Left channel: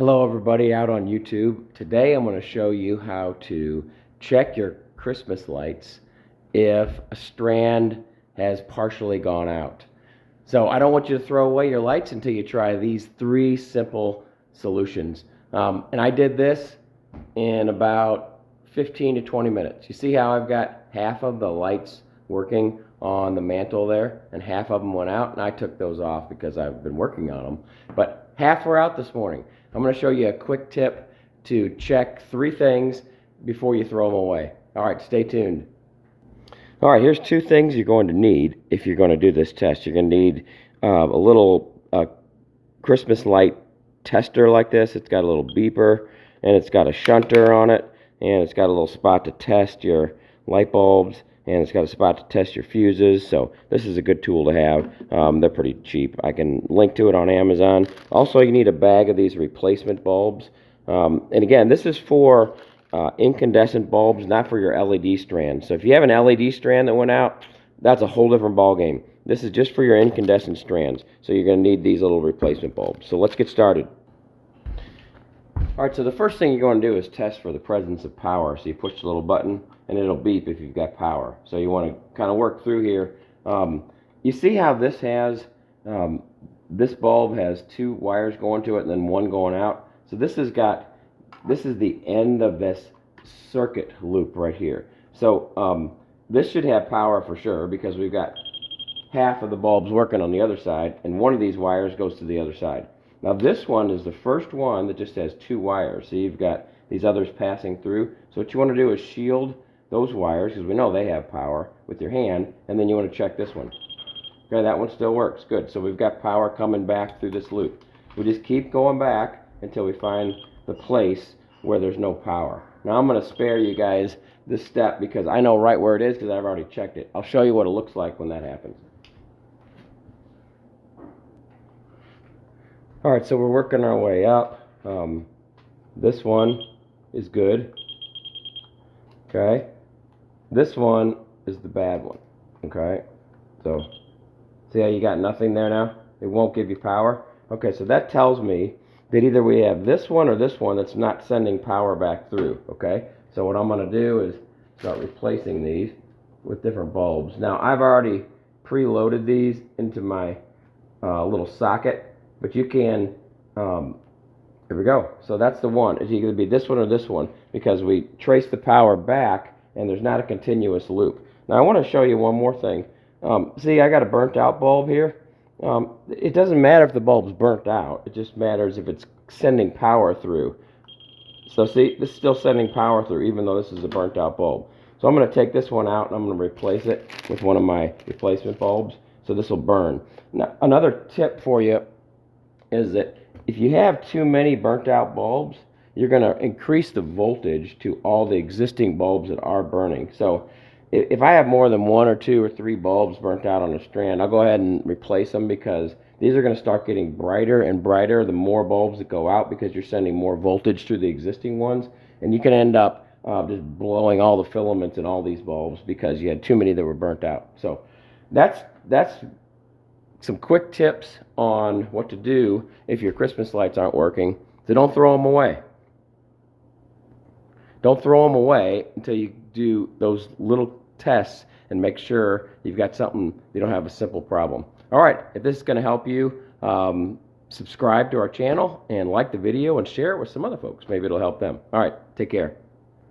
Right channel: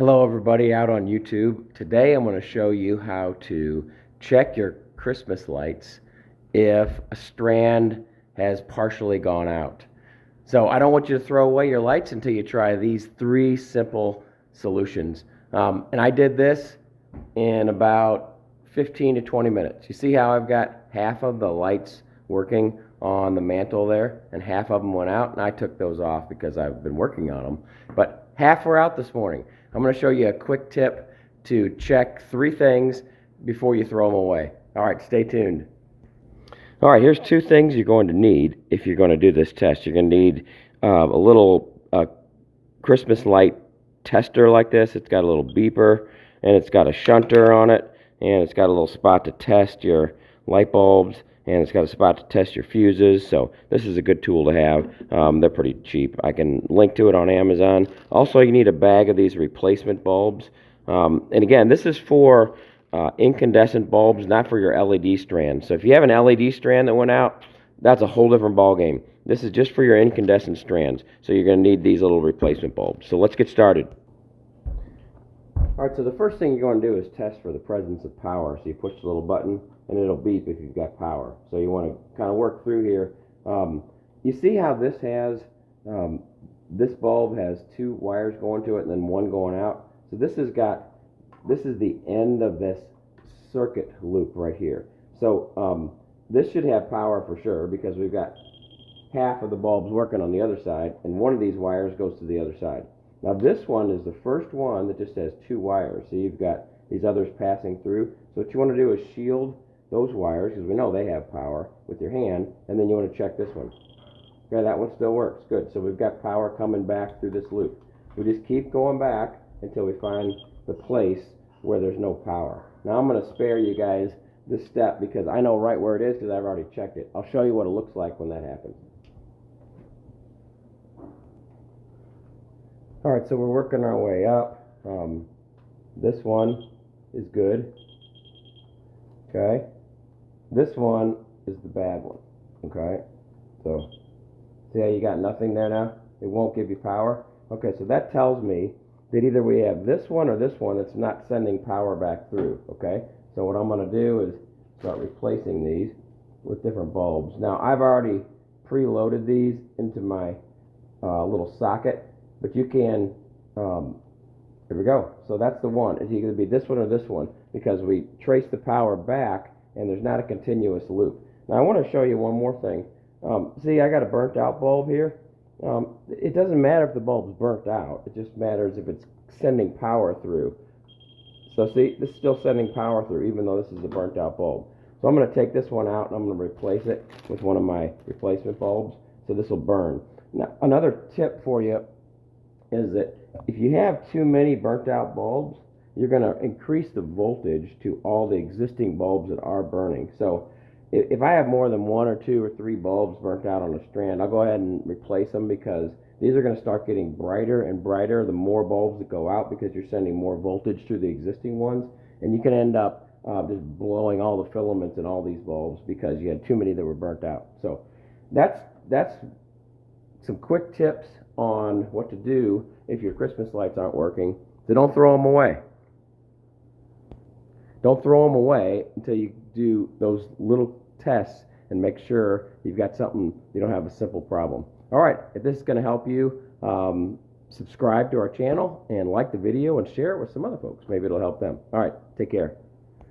Hello everybody out on YouTube. Today I'm going to show you how to check your Christmas lights if a strand has partially gone out. So I don't want you to throw away your lights until you try these three simple solutions. And I did this in about 15 to 20 minutes. You see how I've got half of the lights working on the mantle there and half of them went out, and I took those off because I've been working on them. But half were out this morning. I'm going to show you a quick tip to check three things before you throw them away. All right, stay tuned. All right, here's two things you're going to need if you're going to do this test. You're going to need a little Christmas light tester like this. It's got a little beeper, and it's got a shunter on it, and it's got a little spot to test your light bulbs, and it's got a spot to test your fuses. So this is a good tool to have. They're pretty cheap. I can link to it on Amazon. Also, you need a bag of these replacement bulbs. And again, this is for incandescent bulbs, not for your LED strand. So if you have an LED strand that went out, that's a whole different ball game. This is just for your incandescent strands. So you're going to need these little replacement bulbs. So let's get started. All right, so the first thing you're going to do is test for the presence of power. So you push the little button, and it'll beep if you've got power. So you want to kind of work through here. You see how this has, this bulb has two wires going to it and then one going out. So this is the end of this circuit loop right here. So this should have power for sure because we've got half of the bulbs working on the other side, and one of these wires goes to the other side. Now this one is the first one that just has two wires. So you've got these others passing through. So what you want to do is shield those wires, because we know they have power, with your hand, and then you want to check this one. Okay, that one still works. Good. So we've got power coming back through this loop. We just keep going back until we find the place where there's no power. Now I'm going to spare you guys this step because I know right where it is because I've already checked it. I'll show you what it looks like when that happens. All right, so we're working our way up. This one is good. Okay. This one is the bad one. Okay. So see how you got nothing there now? It won't give you power. Okay, so that tells me that either we have this one or this one that's not sending power back through. Okay. So what I'm going to do is start replacing these with different bulbs. Now I've already preloaded these into my little socket. But you can, here we go. So that's the one. It's either going to be this one or this one because we trace the power back and there's not a continuous loop. Now I want to show you one more thing. See, I got a burnt out bulb here. It doesn't matter if the bulb's burnt out. It just matters if it's sending power through. So see, this is still sending power through even though this is a burnt out bulb. So I'm going to take this one out and I'm going to replace it with one of my replacement bulbs. So this will burn. Now another tip for you is that if you have too many burnt out bulbs, you're going to increase the voltage to all the existing bulbs that are burning. So if I have more than one or two or three bulbs burnt out on a strand, I'll go ahead and replace them because these are going to start getting brighter and brighter the more bulbs that go out because you're sending more voltage through the existing ones, and you can end up just blowing all the filaments in all these bulbs because you had too many that were burnt out. So that's some quick tips on what to do if your Christmas lights aren't working. So don't throw them away. Don't throw them away until you do those little tests and make sure you've got something, you don't have a simple problem. All right, if this is going to help you, subscribe to our channel and like the video and share it with some other folks. Maybe it'll help them. All right, take care.